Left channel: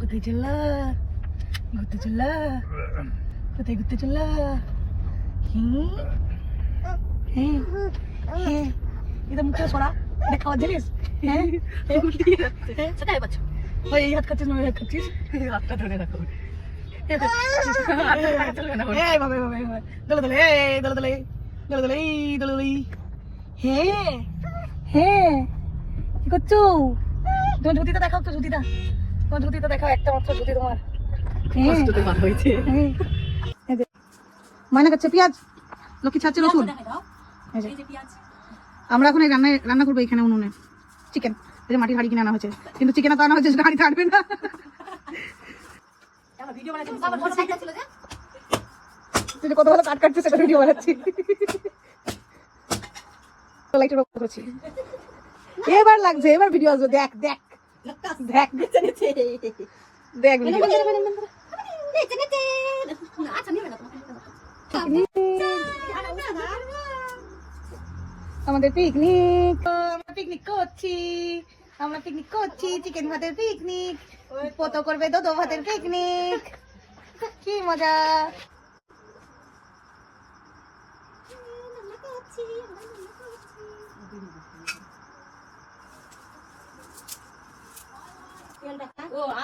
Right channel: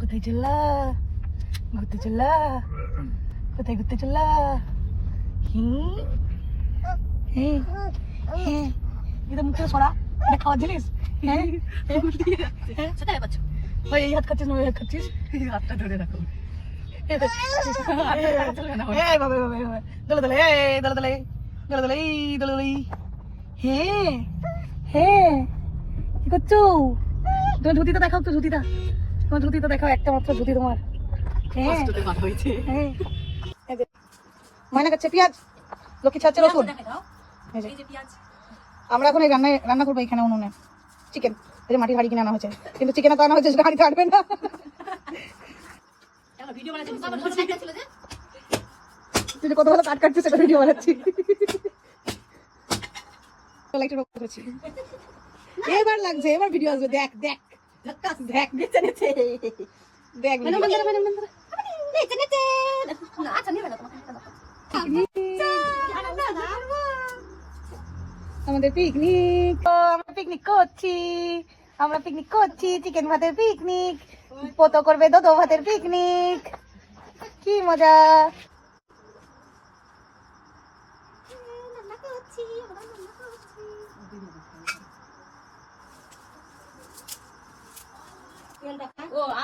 কোথায় চললা? ঘুরতে চললা? কোথায় ঘুরতে চললা? এটা মুখে সরা, এটা খাওয়ার জিনিস। সেটাই পাচ্ছ ভাই, এই হাত খাচ্ছিস না ওই হাত খাচ্ছিস, হাতটা ধরে রাখো। দলে দলে দলে দলে দলে দলে দলে দলে। হ্যাঁ হ্যাঁ, কি করছো? তোমার জুতিটা দেখাও তো, জুতিটা তোমার জুতিটা দেখাও, একটা মাত্র জুতি তোমার। কষ্টতে বার হয়েছে। মনে করছে পেঁয়াজ লক্ষ্মী ছাড়ছে রসুন। আমরা এখন এই রান্না করবো এখানে উনুনে চিকেন। এই যে মাটির হাঁড়ি কিনে আনা হয়েছে, কিন্তু চিকেন তো আনা হয়েছে, হাঁড়ি থাকবে না। কত ভালো কাট কাটছি, সেটা ভিডিও বানাচ্ছি। এবার লাগছে, এবার ভিডিও আসবে। দেখ দেখ দেখ দেখ আমাদের পিকনিক, আমরা পিকনিক করছি, আমরা পিকনিক করছি, চিকেন ভাতের পিকনিক, পোতো করবে দোদো ভাতের পিকনিক, কি মজা।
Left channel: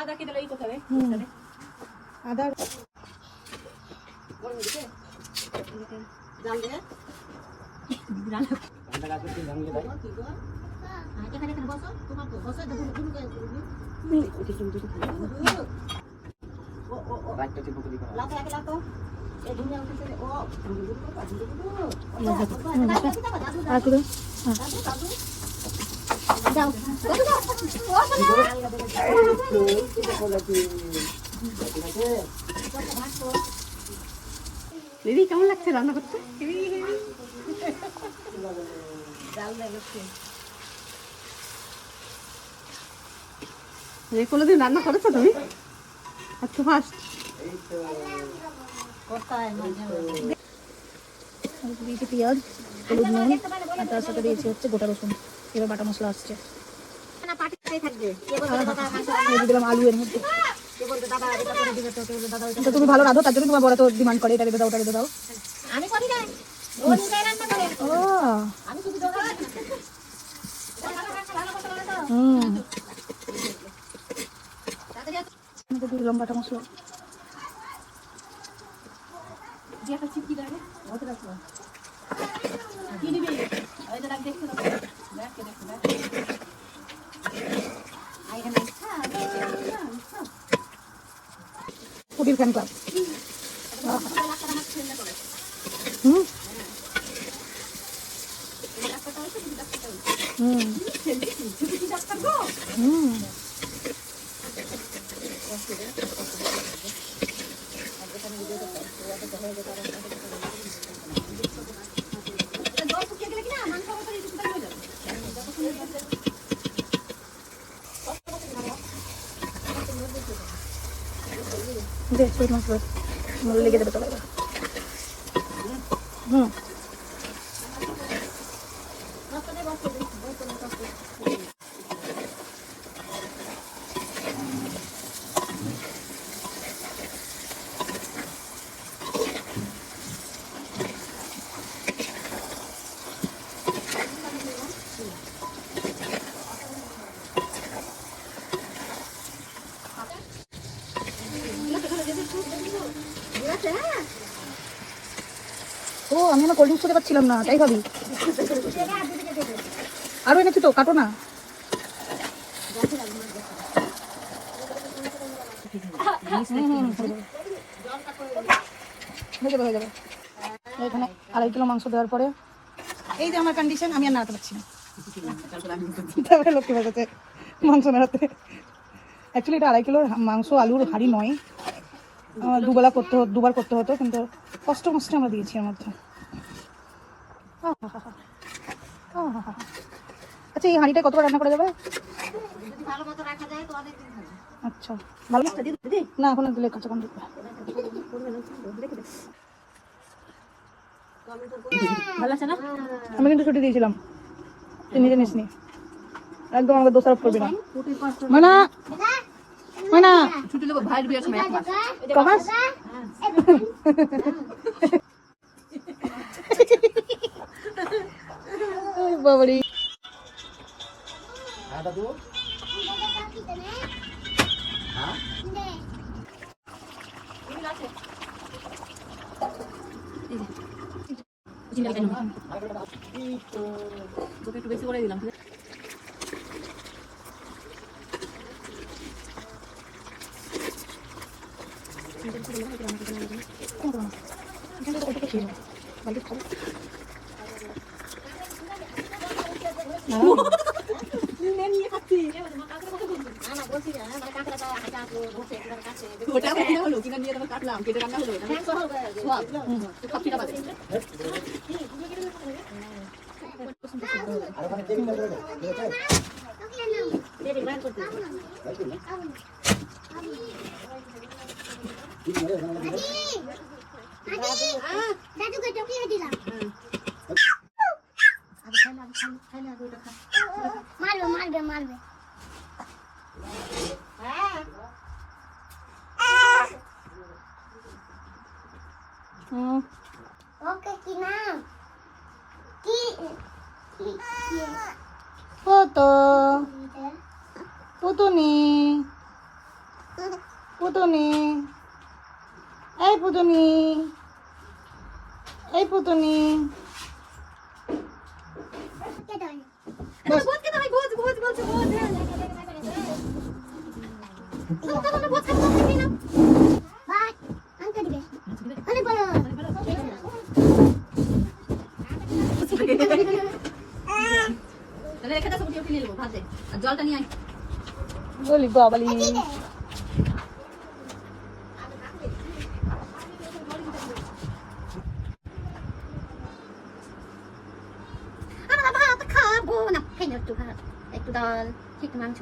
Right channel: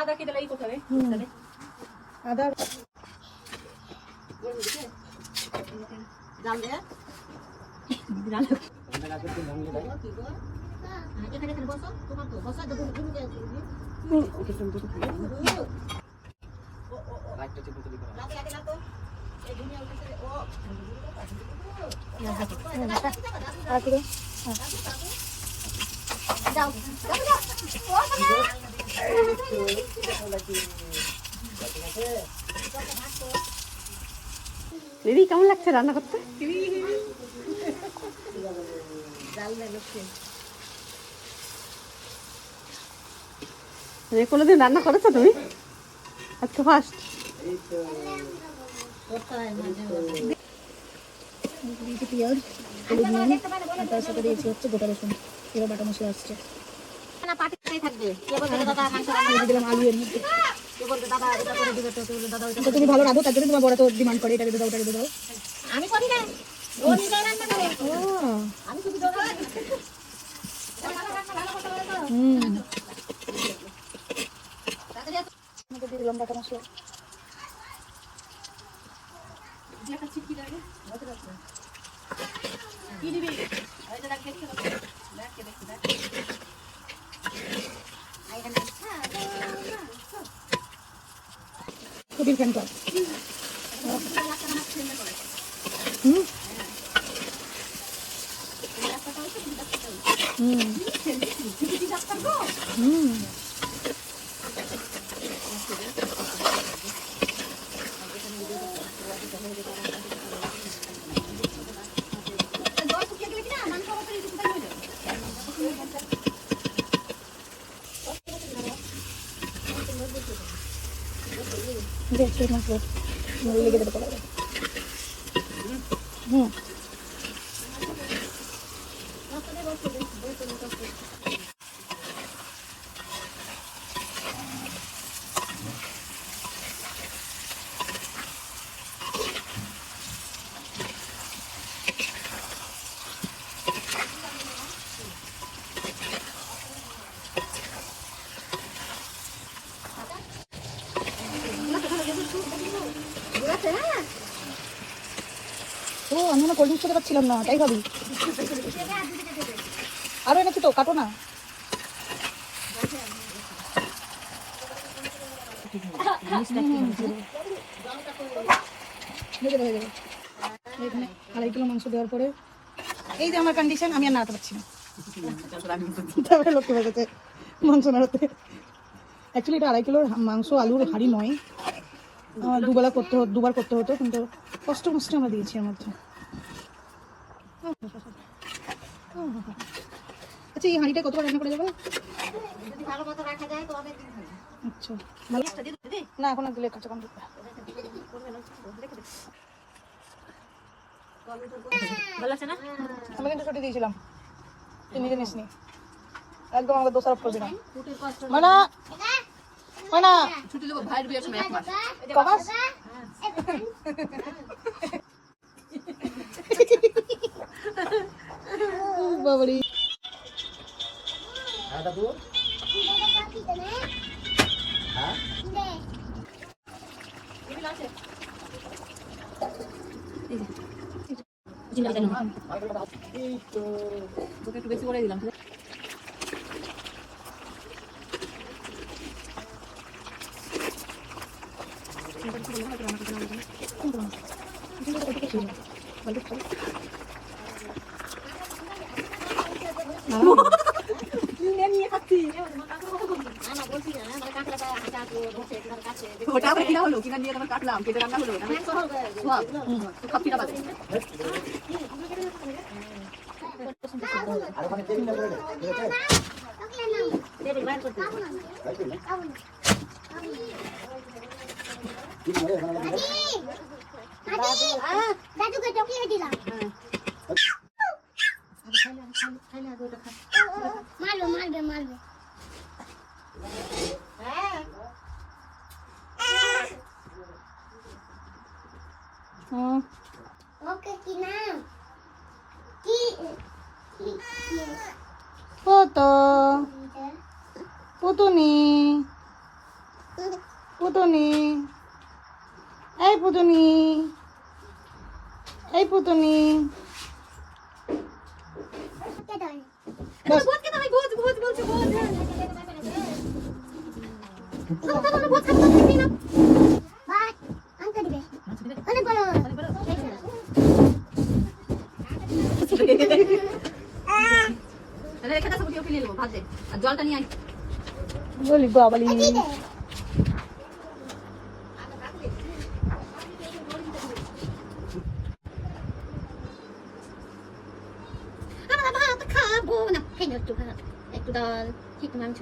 আদা কি দিলে কোথায়? আদা দিদি কেমন লাগছে রান্না করতে? কোনোদিন রান্না করেছো তুমি? আচ্ছা ফার্স্ট। পেঁয়াজ হলুদ নুন আর তার সাথে দিয়েছি হচ্ছে গোটা রসুন, এবার বাটা মশলা আসছে। আলু এর মধ্যে তুমি ভালো রাঁধো, তার জন্য তোমার বড় তো ডিমান্ড করে এটা রেঁধে দাও, ওটা রেঁধে দাও। আমি করি না, ও নিজে রান্না করে। আমি শুধু দিলাম বাটা মশলা। কবির ফ্যান ক্লাব। লেগে যাবে চলে। ও আমি না কোল্ড ড্রিঙ্কস খেতে পারছিলাম না, তাই ভাবি। আরো এনেছি তো, কাটো না। হয়ে যাবে। এখানে 2.5 কিলো মাংস দেওয়ার পরে এই যে আমার কন্ডিশন, আমি আর নাড়াতে পারছি না। তারপরে লোককে বলতে মাংস নাড়াতে। অ্যাকচুয়ালি এটা 2.5 কিলো মাংস, আলুর হাঁড়ি নয়। দুবার করতে হতো, কিন্তু কষ্ট আমরা দিয়েছি এর মধ্যে। আচ্ছা এই হাঁড়িটা কতবার রান্না করা যাবে? আচ্ছা ভালো না, এখন দিলে কাঁচা কম দিতে। আমি কিন্তু ছুটি দিয়েছিলাম, তুই নিজে নিসনি। একদম আমাকে দোষারোপ করবি না। মানে ময়না ছুটি লোক ভাই বিয়ের সময় এক মাস কমাস বাবারি তোকে একটু বেশি করে দিলাম ওটা কিনা হলো কিনা নিয়ে তোমার কাটলাম কেটে রান্না হলো খাপিটা বাজে দাদুকে টকিয়ে দিলাম মারবে মারবে মারবে ওকে কি নাম কি কত পুতুনি পুতুনি এই পুতুনি এই পুতুনি কে দাঁড়ায় বস বহুত কে দাঁড়ায় বহুত বহুত বহুত বহুত বাট আনতে দিবে অনেক বড় রেখে দাও সবটি ওকে নিয়ে নেবো ভাত দে আর জলটা নিয়ে আয় বলি বাবালি আমরা ভাত খাবো না এই একটু ভাত একটু ডাল একটু মাংস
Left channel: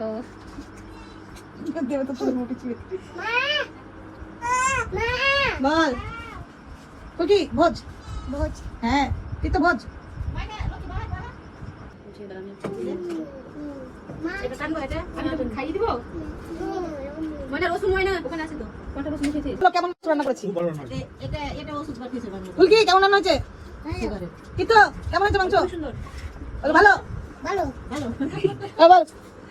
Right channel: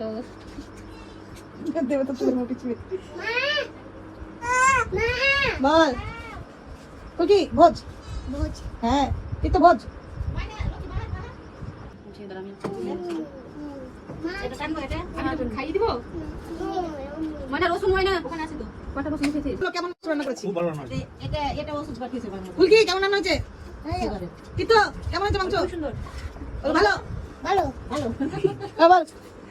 দেবে তো ছোট মোটি ছিল মা মা বল কুকি ভোজ ভোজ হ্যাঁ এই তো ভোজ এটা কাটবো এটা আমি তোকে খাইয়ে দিব ময়না রসুন ময়না ওখানে আছে তো কটা রসুন খেয়েছে বলো কেমন রান্না করেছি এটা এটা ওষুধ পাঠিয়েছে বাবা ফুলকি কেমন রান্না হয়েছে কিন্তু কেমন হয়েছে মাংস সুন্দর বলো ভালো ভালো ভালো আবার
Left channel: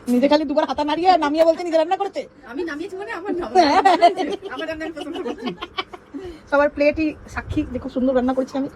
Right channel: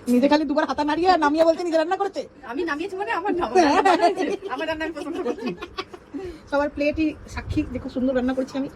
নিজে খালি দুবার হাতা নাড়িয়ে নামিয়ে বলছে নিজে রান্না করেছে আমি নামিয়েছি মানে আমার নাম আমার রান্না আমি পছন্দ করছি সবার প্লেটই সাক্ষী দেখো সুন্দর রান্না করেছি আমি